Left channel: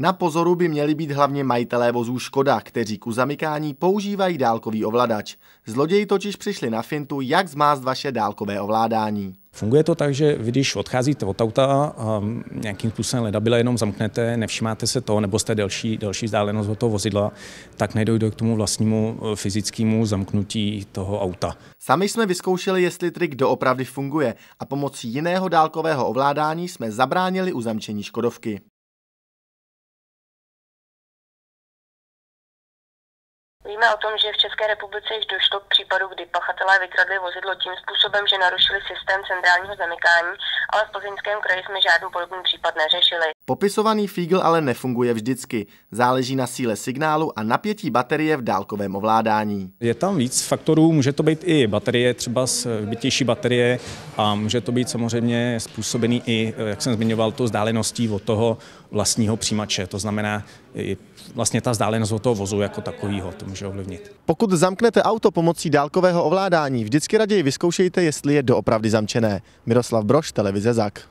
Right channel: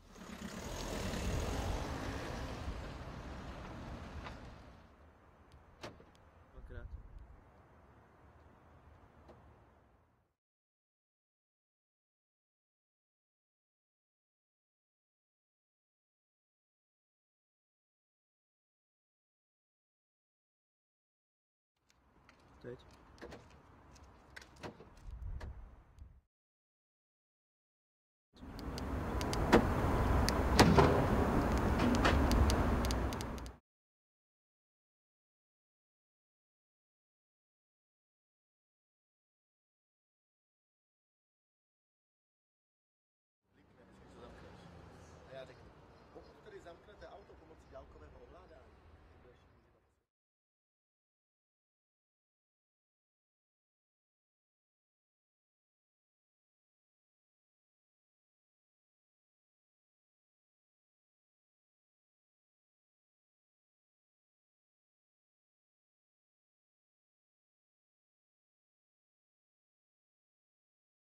Na pozoru by měli být hlavně majitelé vozů Škoda, kteří k zamykání používají dálkový ovladač. Zloději totiž přišli na fintu, jak zmást vaše dálkové ovládání. Funguje to tak, že vy, když odcházíte od auta a nějakým způsobem ledabyle jenom zamknete, nevšimáte se toho, nebo jste delší vzdálenost od toho vozidla, tak nedojde k tomu vlastnímu fyzickému zamknutí toho auta. Sami jsme vyzkoušeli, jestli trik doopravdy funguje a pomocí jiného dálkového ovládání jsme zabránili uzamčení Škodovky. Víme o tom, že v České republice již došlo k případu, kdy pachatelé vykradli vozidlo tím způsobem, že narušili systém centrálního zamykání, ale v Plzeňském kraji jsme žádný podobný případ neřešili. Popisovaný fígl ale nefunguje vždycky. Záleží na síle signálu a napětí baterie v dálkovém ovládání. Je tam víc faktorů, může to být i baterie, třeba bytější baterie, a může to být samozřejmě způsobený i, jak jsem zmiňoval, to vzdáleností od toho vlastního přijímače. To znamená vlastně ta vzdálenost od toho vozu jako takového, to může ovlivnit. Pokud zamknete auto pomocí dálkového ovládání, vždycky raději vyzkoušejte, jestli je doopravdy zamčené. Miroslav Brož, televize ZAK.